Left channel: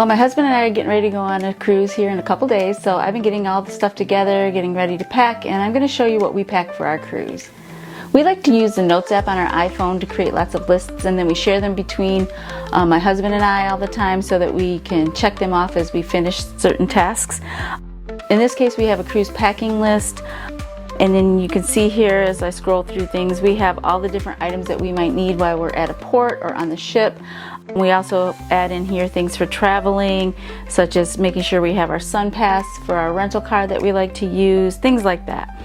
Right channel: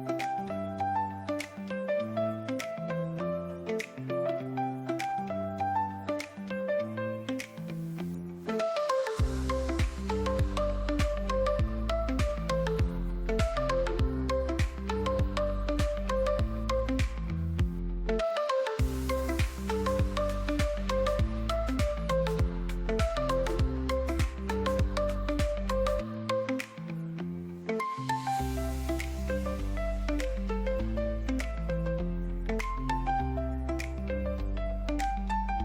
Well, my husband and I are getting ready to go on a cruise here in a couple days, so I've been getting all the stuff together, getting ready to pack, and I'm going to show you what we pack for our cruise. We like to use the Notes app on our iPhone to create lots of lists, and then we share them between my husband and I all the time so that we can check them off as we finish certain tasks. In this case, we have a cruise packing list, and then you can see here as I scroll through things, we have all the different items that we might need while we're at a port or on the ship. We also add in here things for traveling, such as making sure we have our sun pass for our rental car that we like to use, things like that.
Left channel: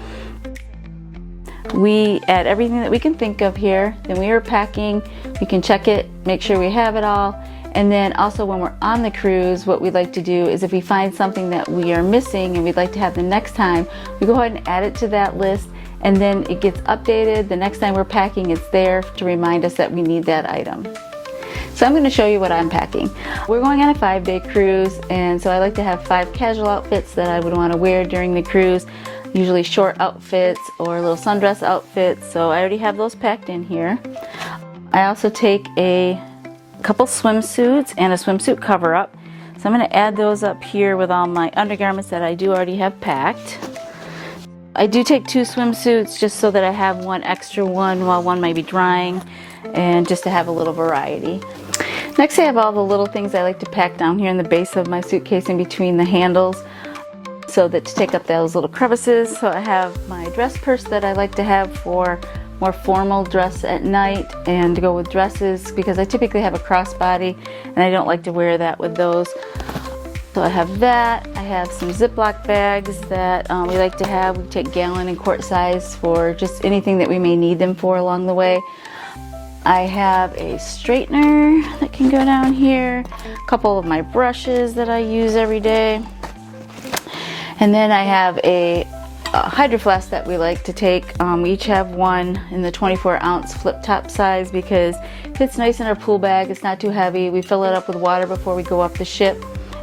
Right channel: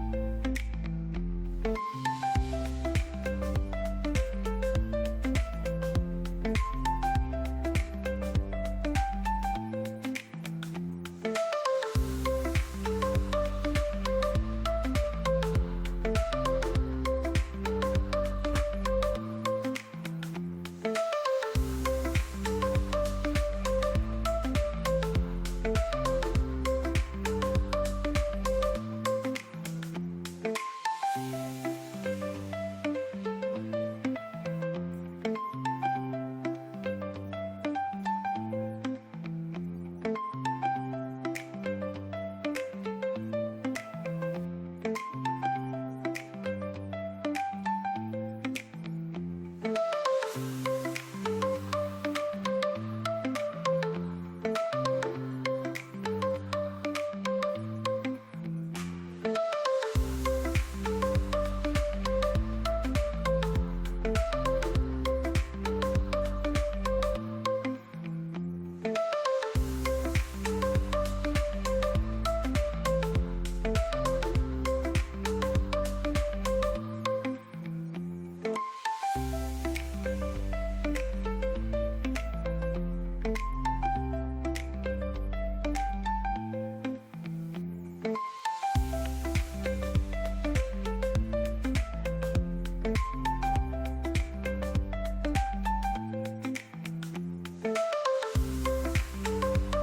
We add everything that we can think of here. Then we are packing, we can check it, make sure we have it all. And then also when we're on the cruise, what we like to do is if we find something that we are missing and we'd like to have the next time, we go ahead and add it to that list, and then it gets updated. The next time we're packing, it's there to remind us that we need that item. So I'm going to show you what I'm packing. We're going on a 5-day cruise, and so I like to have 5 casual outfits that I would want to wear during the cruise, usually short outfits or little sundress outfits, so I already have those packed in here. I also take a couple swimsuits and a swimsuit cover-up, so I'm going to add those up here with all my undergarments that I do already have packed. I do take 2 swimsuits just so that I have one extra one while one might be drying, and just to have a little variety. Next, I have all the little things I like to pack down here in the base of my suitcase in between the handles, so that to take up those little crevices. So I have my dress purse that I like to have for more formal dress at night and to go with dresses, because I typically have a crossbody and I don't like to wear that with those. So I have that. I have some Ziploc bags that we like to have. We take gallon and quart size for just anything that we may need them for along the way. I have a straightener that can go down here, a couple of my brushes that I use every day, and then I have a hydro flask that we like to take. We each have one in the 24-ounce flip top size because it fits nice in our pool bag. It's not too heavy. We fill it up with water before we go up the ship,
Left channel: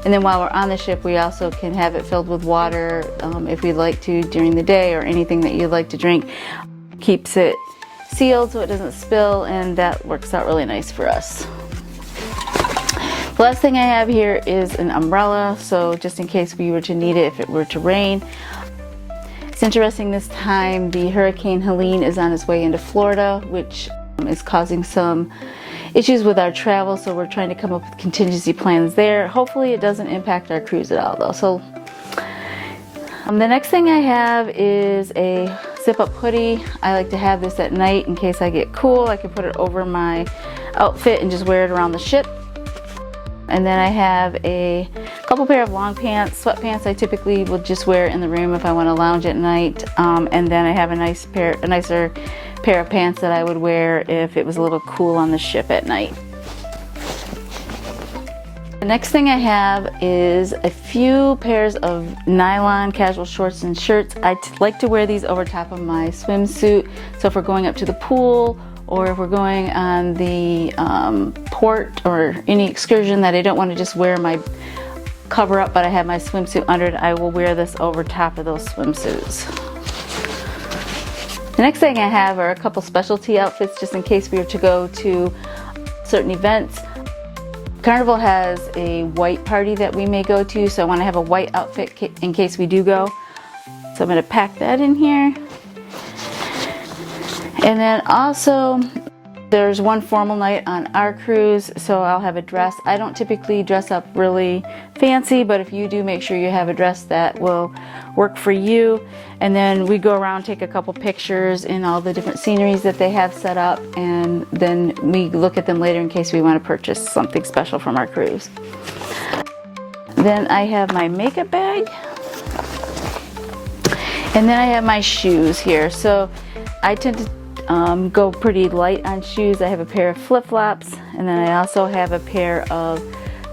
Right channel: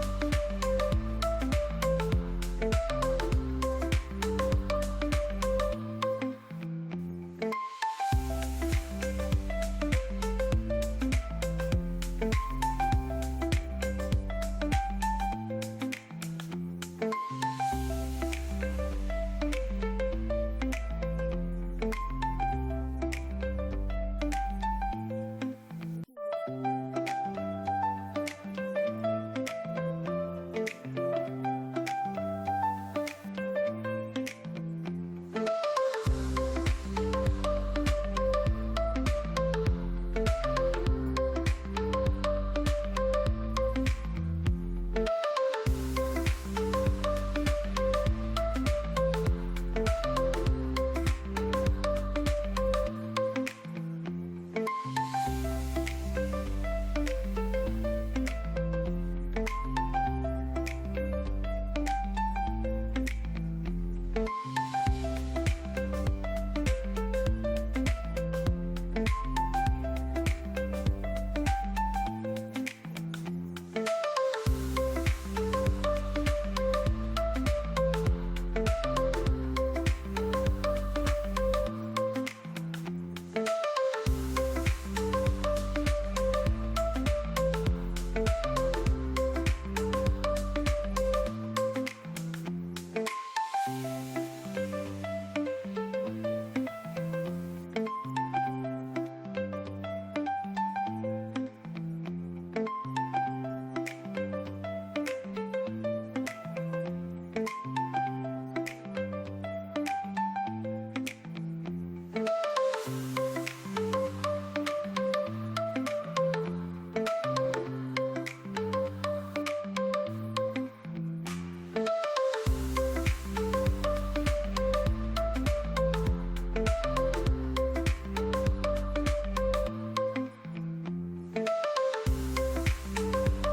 and then while we're on the ship we also can have it filled with water if we'd like to during the day, or anything that you'd like to drink. Keeps it sealed so it doesn't spill, and that works out really nice for us. The last thing I have here is an umbrella, so just in case we were to need it if it were to rain. It's interesting, this time the Hurricane Helene is on its way into Florida, which is causing some issues with our travel, so we're trying to come up with contingency plans there. Hopefully it doesn't impact our cruise at all though. So the next thing I have is a zip-up hoodie. I like to have this at night in case I get cool. I can put it over my outfit and just wear it around the ship. And then I have a couple pair of long pants, sweatpants I typically will just wear in the room if I want to lounge at night. And then I have a nicer pair of pants that I would wear if it was a little cool on the ship at night. The next thing I have is a few pairs of nylon casual shorts and shirts. I like to wear these over top of my swimsuit, so if we're going up to the pool or if we're going on the port or any excursion that I don't want to just wear my cover up but I have my swimsuit under it, I will wear this over top of those swimsuits. The next thing I have are a couple specialty outfits just in case we were to go to certain events. Carnival has a white party that we may go to, so I want to have a white outfit in case we do go. So I'm going to pack that in here. And then also there's one formal night on our cruise, so I'll have a dress. I don't typically dress up really fancy, but if you do, make sure you have a dress that will work for you. And then we go around, take a couple pictures in all the different sceneries that they have set up, and then we look at them later in case we want to purchase something special from our cruise. Then I have my makeup bag, and then I have my shoes here. So I tend to go pretty light on shoes. I have a pair of flip-flops, and then I also have a pair of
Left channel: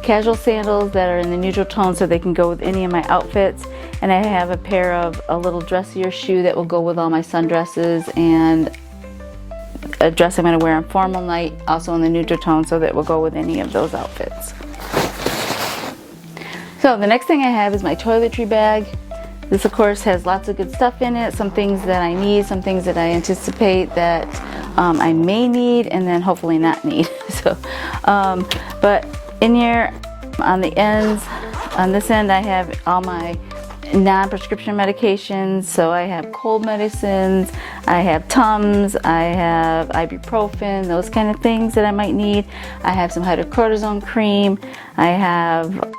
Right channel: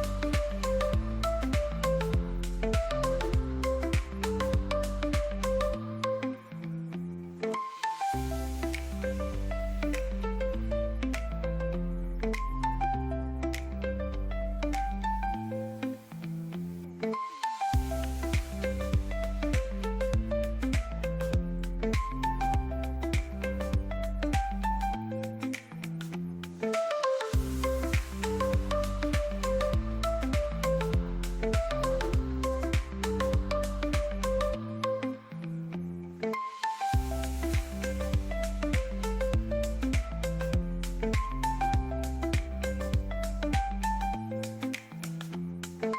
casual sandals that are in the neutral tone so they can go with any of my outfits. And I have a pair of a little dressier shoe that will go with all my sundresses, and a dress I'm going to wear on formal night, also in the neutral tone, so that will go with any of those outfits. So the next thing I have is my toiletry bag. This of course has lots of good stuff in it, some things that I need, some things that I anticipate that I may need, and then hopefully not need. But in here On the ends, on this end, I have all my non-prescription medications. So I have cold medicines, I have Tums, I have ibuprofen, those kind of things that I might need. I have some hydrocortisone cream, I have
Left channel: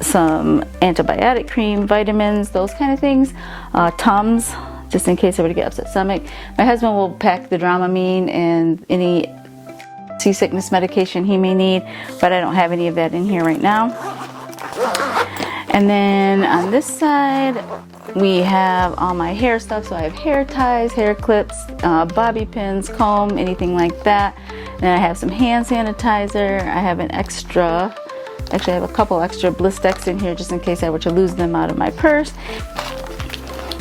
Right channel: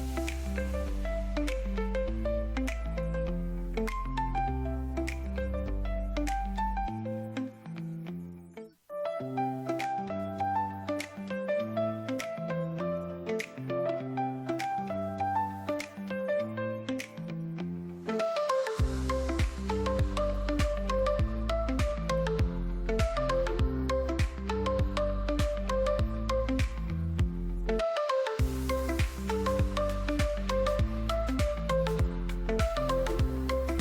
some antibiotic cream, vitamins, those kind of things. Tums, just in case I were to get upset stomach. My husband will pack the Dramamine and any seasickness medication he may need, but I don't have any of that in here right now. And then on this side, we have all my hair stuff. So I have hair ties, hair clips, bobby pins, comb, anything like that. Then I have some hand sanitizer. I have an extra, actually I have a couple extra Blistex in here just in case I were to lose them out of my purse.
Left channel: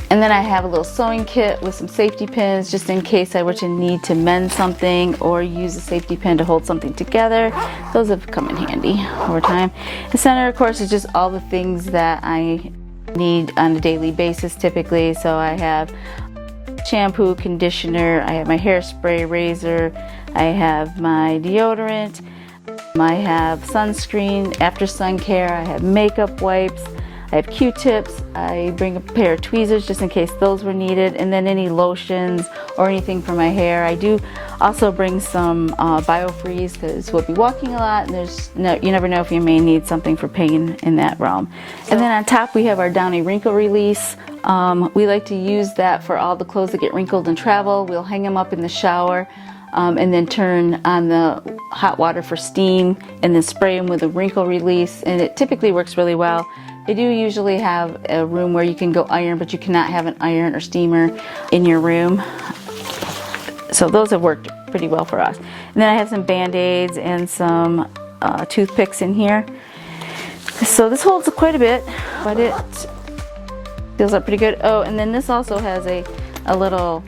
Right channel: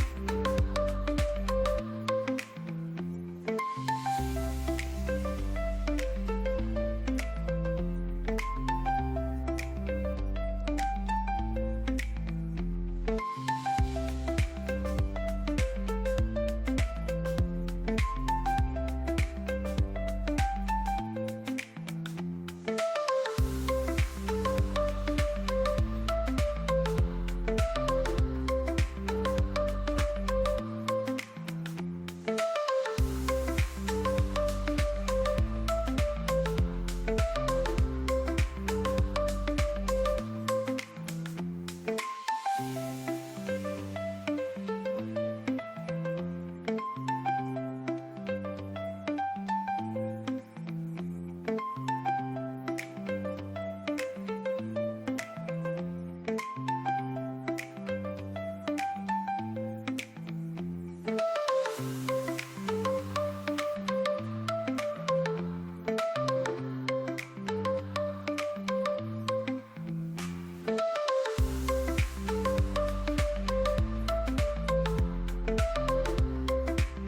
And then I have a little sewing kit with some safety pins just in case I were to need to mend something or use a safety pin to hold something together. Those have come in handy over time. The center, of course, is just all the things that I need on a daily basis typically. So I have shampoo, conditioner, I have my hairspray, razor, I have my deodorant, I have sunscreen, after sun care, I have makeup wipes, I have Q-tips, I bring a pair of tweezers just in case those were needed, and then any lotions or anything for my hair. I do also bring some biofreeze because we'll be walking a lot and you never know if you may need something for pain in that realm. And then on top we have our Downy wrinkle release. We like to use that for all the clothes that get wrinkled in travel. We'll hang them up in the shower and then turn on the hot water for steam and then spray them with a wrinkle release, and it typically works really well. They do usually have a room where you can go iron, but you cannot have an iron or steamer in your room. So those have worked pretty well for us. And then I have some Band-Aids and some toothpicks in here. So this holds quite a bit, but it feels up pretty good. Oh, and then this also has a little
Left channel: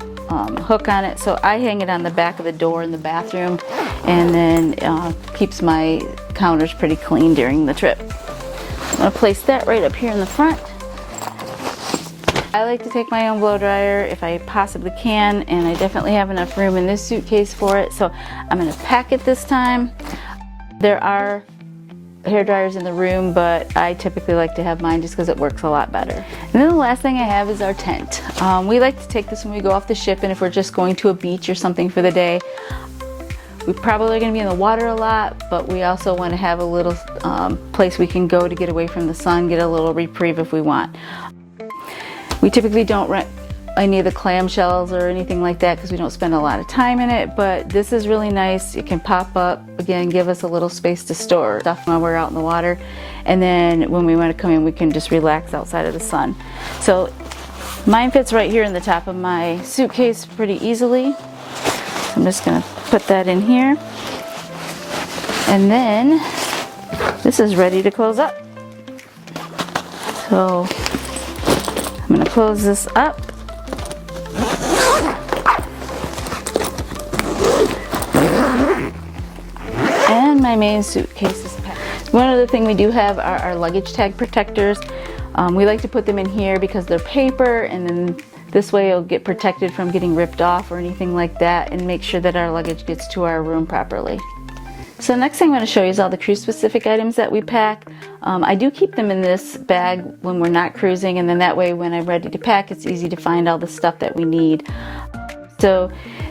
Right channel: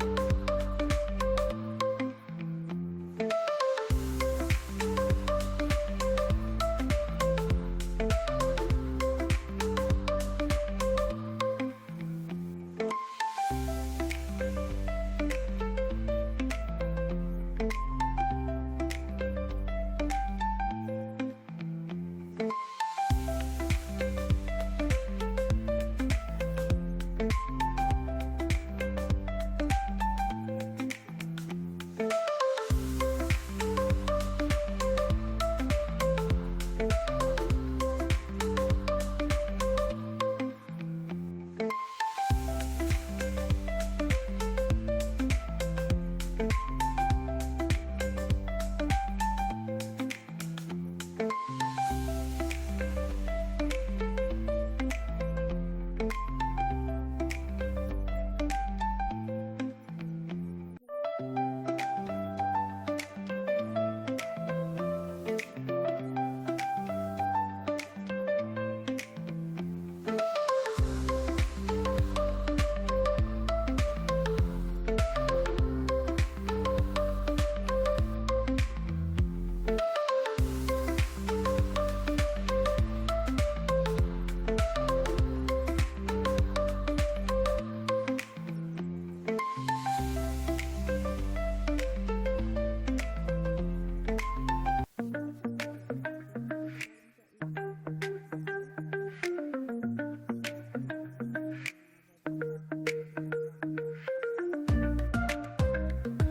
hook on it, so I hang it on the back of the door in the bathroom, and then keeps my counters pretty clean during the trip. I'm going to place that right up here in the front. I like to take my own blow dryer if I possibly can, and I definitely have enough room in this suitcase for it, so I'm going to pack it this time. There are hair dryers in the room, but I typically like to have mine just because it works a lot better. And then the last thing I have is our tent. We like to take this when we go off the ship, and if we're just going to a beach or something for the day. We probably are going to be in the water a lot, but we also want to have a little place we can go to get away from the sun, get a little reprieve if we want. We typically don't rent any of the clamshells or anything like that because we don't spend a lot of time in it, but this is really nice. It can pop up, again, give us a little space to store stuff while we're out in the water, and then when we want to come in we can just relax outside of the sun. So mine fits right here in the top of my suitcase pretty easily. So I'm just going to put that in here, and then this is ready to close up. So I'm going to close this up. And my main suitcase is packed. One other thing we do have are our luggage tag protectors. We like to put them in here because they're paper, and then this way it'll get protected from getting ripped off or anything like that, and make sure that our luggage gets to our room properly. So next thing I'm going to show you is all the cruise specific items that we pack. I do keep them in this bag when we're not cruising, and then that way when I'm ready to pack it's easy to find all the stuff that we need. So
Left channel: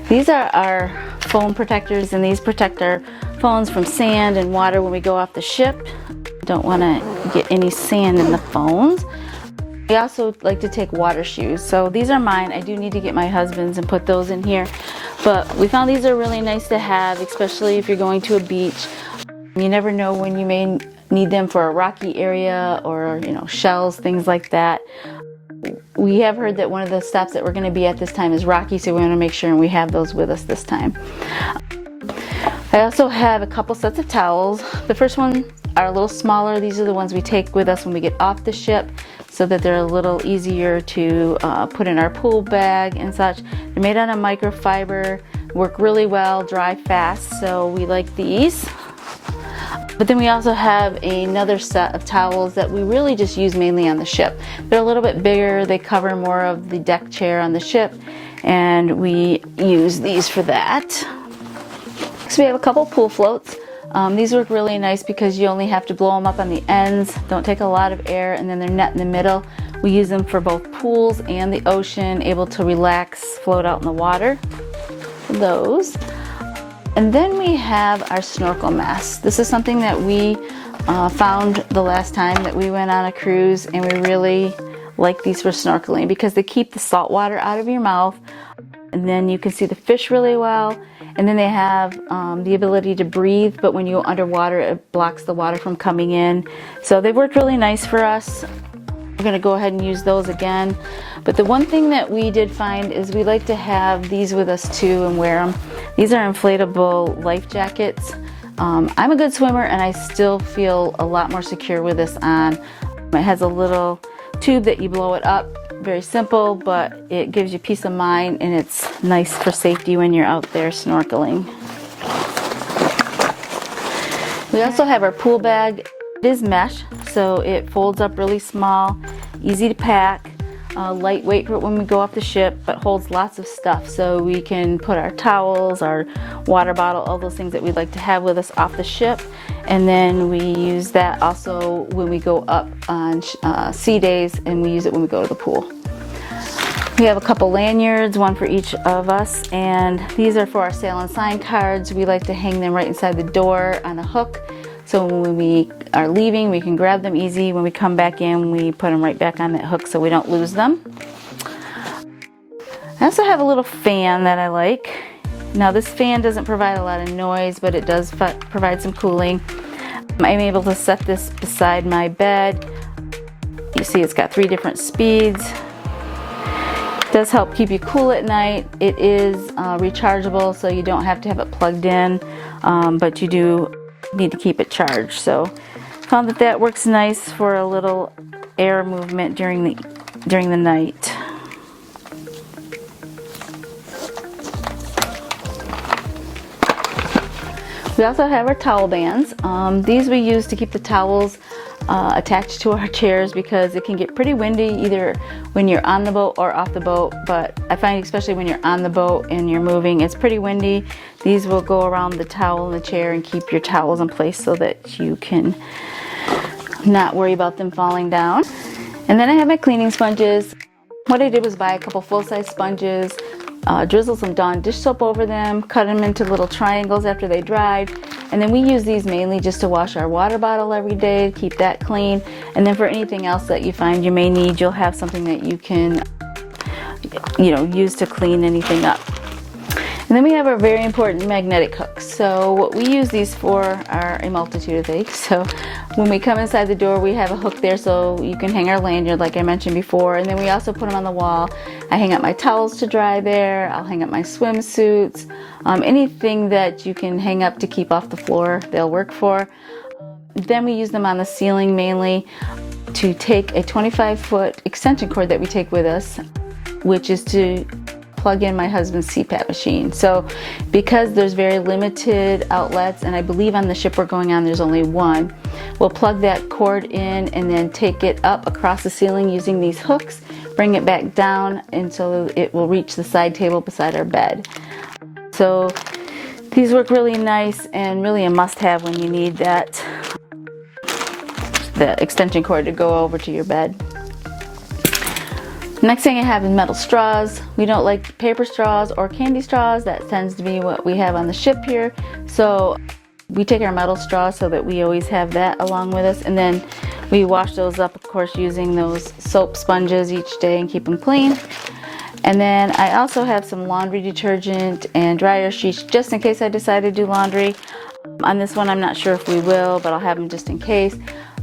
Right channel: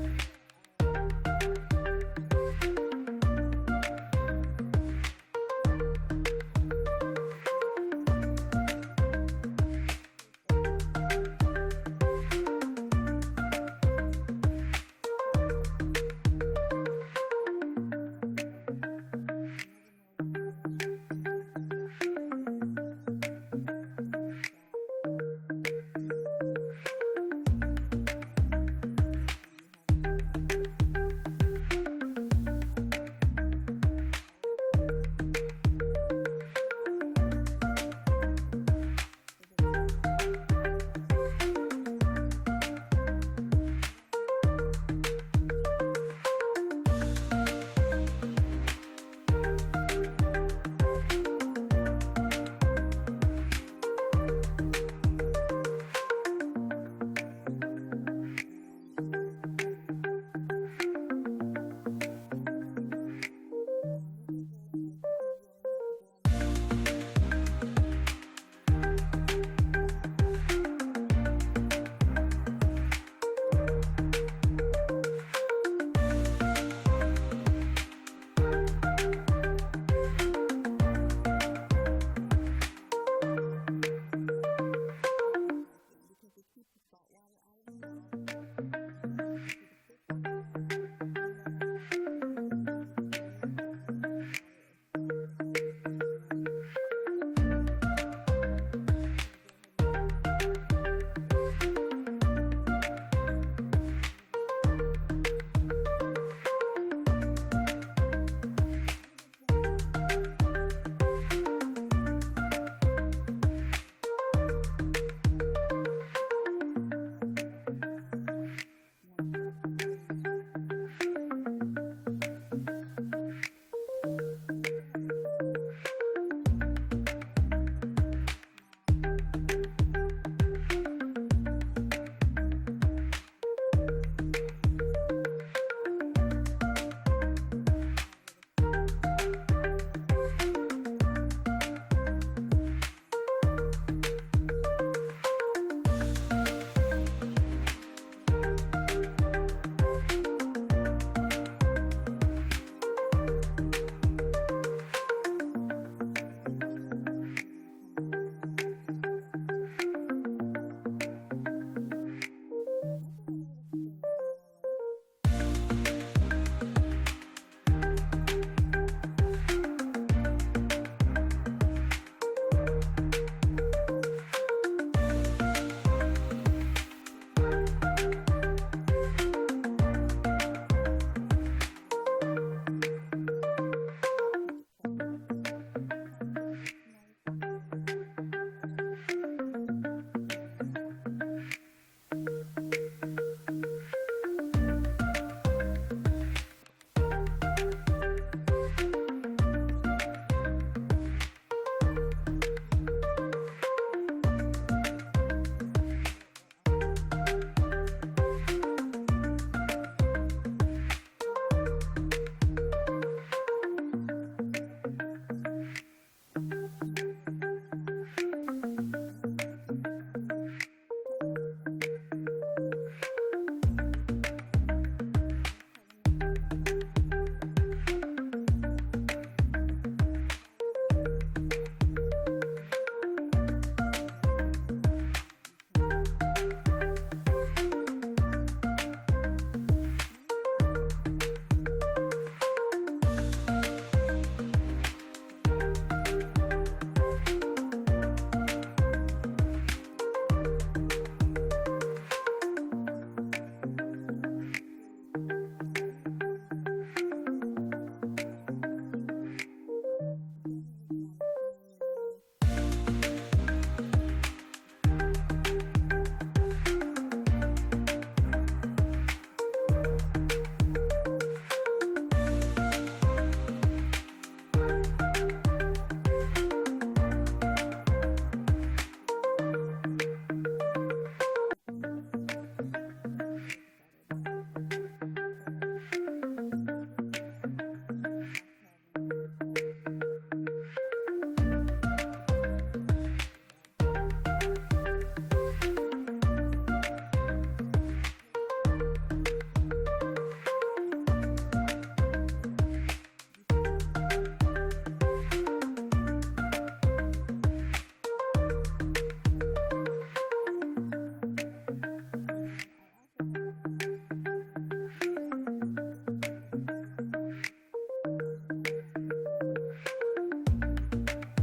these are our phone protectors, and these protect our phones from sand and water when we go off the ship. Don't want to get any sand in the phones. I also like to take water shoes. So these are mine. I do need to get my husband's and put those in here. But we found these are really nice to have, especially if you're going to a beach. You never know when you may need them for a rocky area or, shells, things like that. We have heard that one of the stops that we're going to be at this time is rocky, so we want to make sure we have those with us this time. I also have a couple sets of towels. The first one are a little smaller. These are the ones we take with us when we get off the ship, so that they're a little easier to put in our pool bag and such. They're made out of microfiber, work really well, dry fast, so we like these. But then we also have another set of towels that we really just use mainly on the ship. They're a little bit bigger, they cover more of the deck chair on the ship, and we use these for that. So we have a couple pool floats. These work really nice because you only have to blow them up on the ends, don't take a lot of air, and then they're net in the middle. We use them for both pools and the ocean, able to relax, float out in the water. Those. And then we have our snorkel mask. This is something that we found the last time that we went on a cruise, and we really like these for snorkeling because they keep the salt water out of your mouth, and then you can see the fish really well, and then they have the ability to breathe, but when you go underwater it blocks the water from coming in. So they've worked really nice for us. We're going to go ahead and use those again. But the one thing that we did find is we like to have these with us too and wear them. These are inflatable life jackets. I'm a good swimmer and I still feel a lot more secure with this on. It has a little tube that you blow it up. Very simple, but it gives you peace of mind, and it's nice for safety when you're out there snorkeling. We also have our pool bag. It is mesh, so it folds up really small, easy to pack, lightweight for when we go off the ship, but holds lots of stuff. So we can put our towels, our water bottle, all those things that we'd like to have with us off the ship. And then we use that also when we go up on sea days, and we use it when we go to the pool. We have a couple lanyards, one for each of us, and these are for our sail and sign cards. We like to hang them right inside the door on a hook. So when we are leaving, we can grab them easy. When we come back in, we put them right back on that hook so we don't lose them. I also have a little fan that I like. Now this fan doesn't provide a lot of noise, but it does provide some cooling. I'm able to set this beside my bed. You see it's got 3 different speeds. It does help keep you cool at night. It is rechargeable, so you don't have to have it plugged in, but you do need to keep it charged. So found that works nice for a little air movement during the night. We also have our towel bands. These we use to keep the towels attached to our chairs because it can get pretty windy either when you're on the boat or off the boat, but I find especially when you're on the boat and you're moving, it's pretty windy. These will go around the towel in the chair and keep your towels in place so that you can not worry about them falling down. And then I have my cleaning sponges. What I did was buy a couple full-size sponges, drizzle some Dawn dish soap over them, cut them into little triangles after they dried, and then we use these mainly just to wash our water bottle every day, keep that clean, and then for anything else that you find you may need, you'll have something that you can use to clean anything up. And then we have our very important magnetic hooks. So what we use these for are a multitude of things. So when we come inside the door, we have a hook there so you can hang our lanyard like I mentioned before. And then we also put them on the wall. I hang up my towels to dry there. I'll hang up my swimsuits. Anything that you can hang up to keep off the floor, they'll work for. Then we use them on the ceiling mainly to take a 25-foot extension cord that we take with us, which is to plug in my husband's CPAP machine. So because there's very limited outlets, and I believe on the ship we're going on there's only one, we'll plug that cord in and then take it up across the ceiling using these hooks, bring it back down, and so it will reach the side table beside our bed. So these work really nice and really a must-have when you need the extension cord to go over to your bed. Next thing I have is metal straws. We don't like paper straws or candy straws. That tends to be what we have on the ship here. So we take our metal straws so that we always have that along with us. And then we wash those up, of course, using those soap sponges each day and keep them clean. And then I also have some laundry detergent and dryer sheets just in case I decide to do laundry. On this one, I'm not sure if we will, but I'll have them just in case.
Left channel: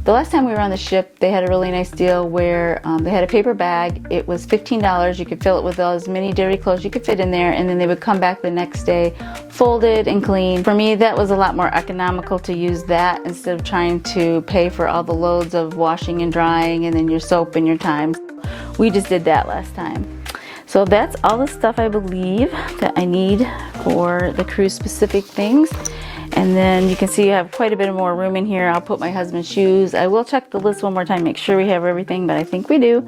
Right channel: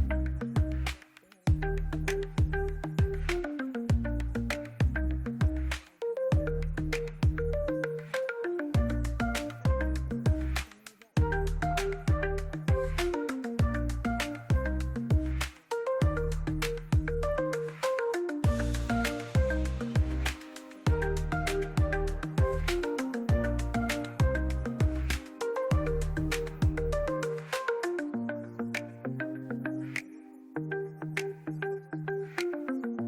The last time we were on the ship, they had a really nice deal where they had a paper bag. It was $15. You could fill it with as many dirty clothes you could fit in there, and then they would come back the next day folded and clean. For me, that was a lot more economical to use that instead of trying to pay for all the loads of washing and drying and then your soap and your time. We just did that last time. So that's all the stuff I believe that I need for the cruise specific things. And then you can see I have quite a bit more room in here. I'll put my husband's shoes. I will check the list one more time, make sure we have everything, but I think we do.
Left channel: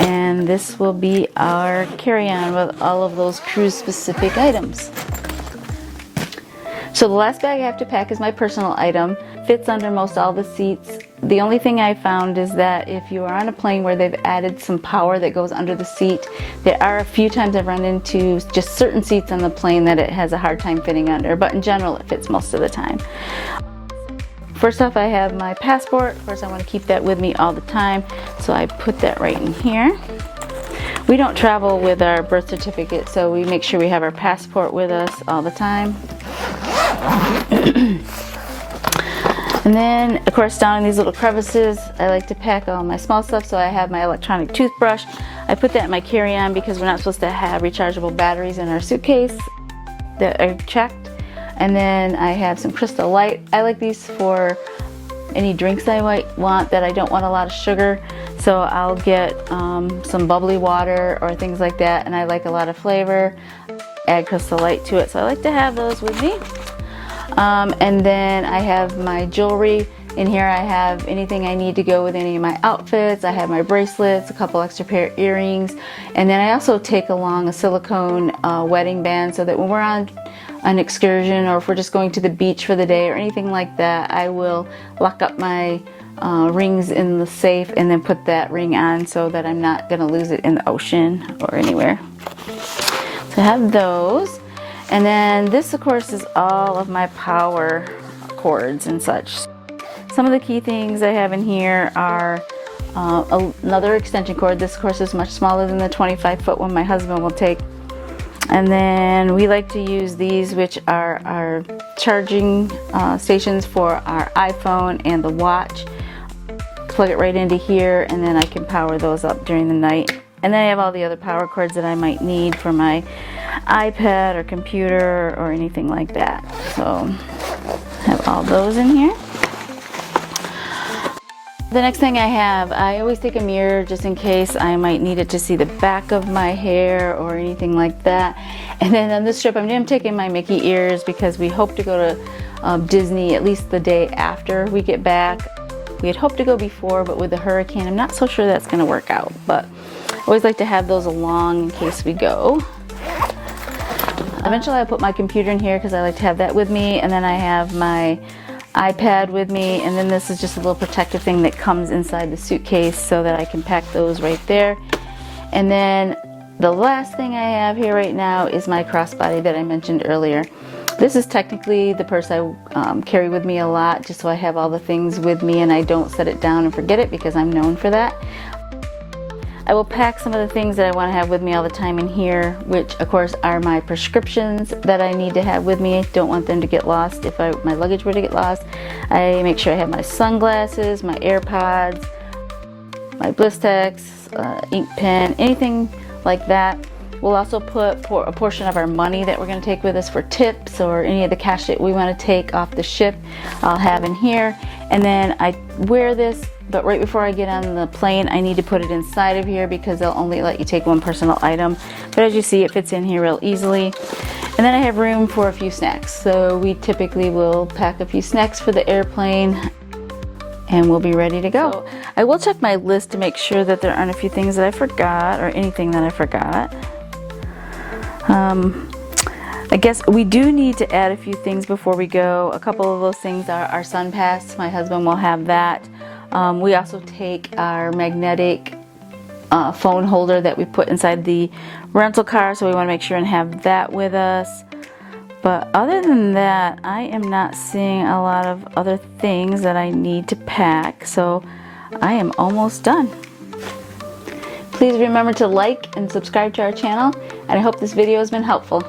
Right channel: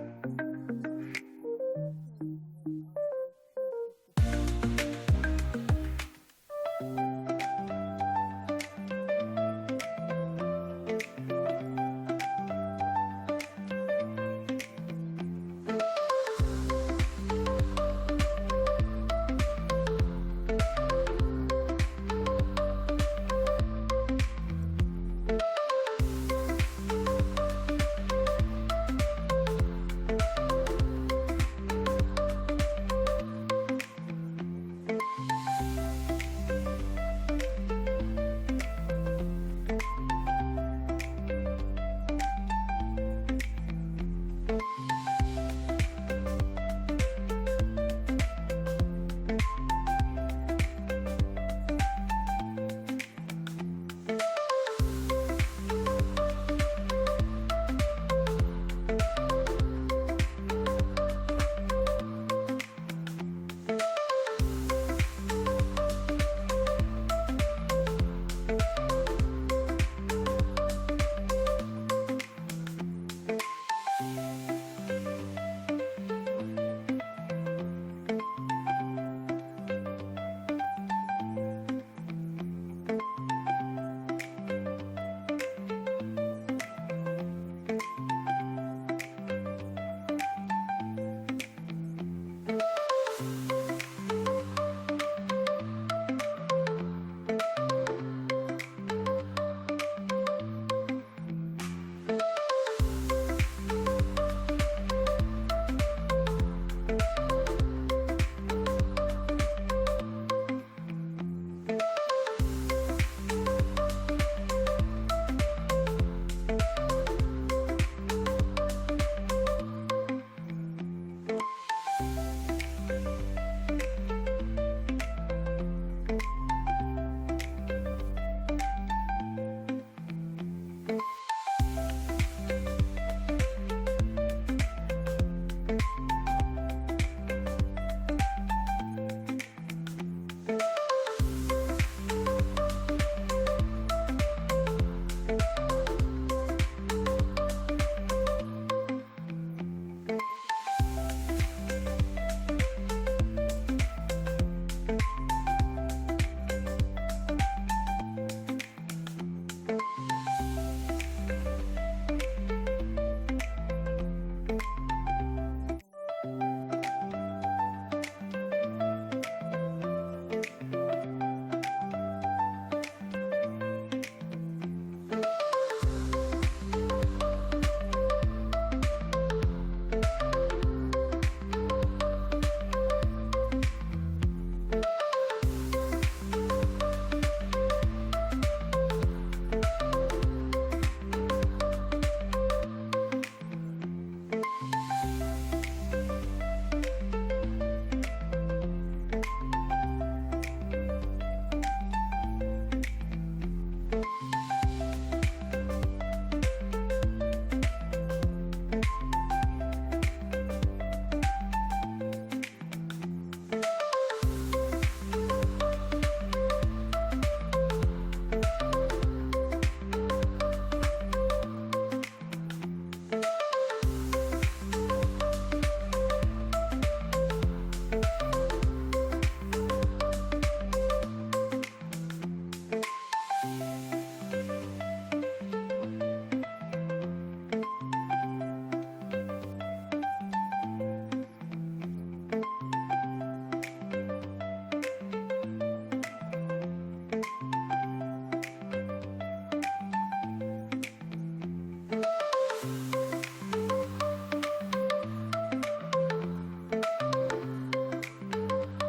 And this will be our carry-on with all of those cruise specific items. So the last bag I have to pack is my personal item. Fits under most all the seats. The only thing I found is that if you are on a plane where they've added some power that goes under the seat, there are a few times I've run into just certain seats on the plane that it has a hard time fitting under, but in general it fits most of the time. First off, I have my passport. Of course, I want to keep that with me all the time, so I put that right in here. We don't travel with our birth certificate, so we make sure we have our passport with us all the time. And then, of course, down in these little crevices, I like to pack all my small stuff, so I have my electronic toothbrush. I put that in my carry-on because we're not supposed to have rechargeable batteries in our suitcase that are checked. And then I have some Crystal Light. I like these for any drinks I might want that I don't want a lot of sugar. So I'll get some bubbly water or things like that, and I like a lot of flavor. Add Crystal Light to it, so I like to have those with me. And then I have my jewelry. In here I have anything I need to go with any of my outfits. I have my bracelets, a couple extra pair of earrings, and then I also take along a silicone wedding band so that when we're on an excursion or if we're just going to the beach for the day or anything like that, I will lock up my rings in the safe and then put that ring on so that I'm not going to lose it in the ocean or anywhere. So I have those. And then this, of course, is all of my power cords and such. Some of the key things I have in here are another extension cord. This, of course, is much smaller than the 25-foot one my husband will take. And then we like to use these, which are our charging stations for our iPhone and the watch. Plug it right into here, and then I can power those up during the night. And then I have all the other power cords that I might need for my iPad or computer or anything like that. So I have all those in here. The next thing I always take a mirror just in case I might need it to see the back of my hair or anything like that. And then on this trip, I'm taking my Mickey ears because we hope to go to Disney at least the day after we get back. We had hoped to go before, but with the hurricane, I'm not so sure that's going to work out. But I always like to have those along in case we go. Eventually, I put my computer in here because I like to have that with me, and then I have my iPad with me, and then this is just a little protective thing that comes inside the suitcase so that I can pack those right there. And then the last thing I have here right now is my crossbody that I mentioned earlier. This is technically the purse I carry with me a lot, just so I have all the things with me and I don't set it down and forget it, because I'm known for that. I will pack some of the things that I want to have with me all the time in here, which of course are my prescriptions that I need to have with me. I don't want them to get lost if my luggage were to get lost. I make sure I have my sunglasses, my AirPods, my Blistex, ink pen, anything like that. We'll also put a portion of our money that we're going to take with us for tips or any of the cash that we want to take off the ship, I'll have in here. And then I wear this, but right before I get on the plane, I need to put it inside of here because they'll only let you take one personal item. But as you see, it fits in here real easily. And then I have room for a few snacks. So we typically will pack a few snacks for the airplane and we'll be ready to go. So I will check my list to make sure that there aren't a few things that I forgot or anything that I forgot. I guess we do need to add a few things before we go. A couple of those things are our sun pass. My husband will have that. We also take our magnetic phone holder that we put inside the rental car, so we want to make sure and have that with us. But other than that, I am not seeing a lot of other things that I need to pack, so I am almost done. Please remember to like and subscribe to our channel, and I hope this video has been helpful.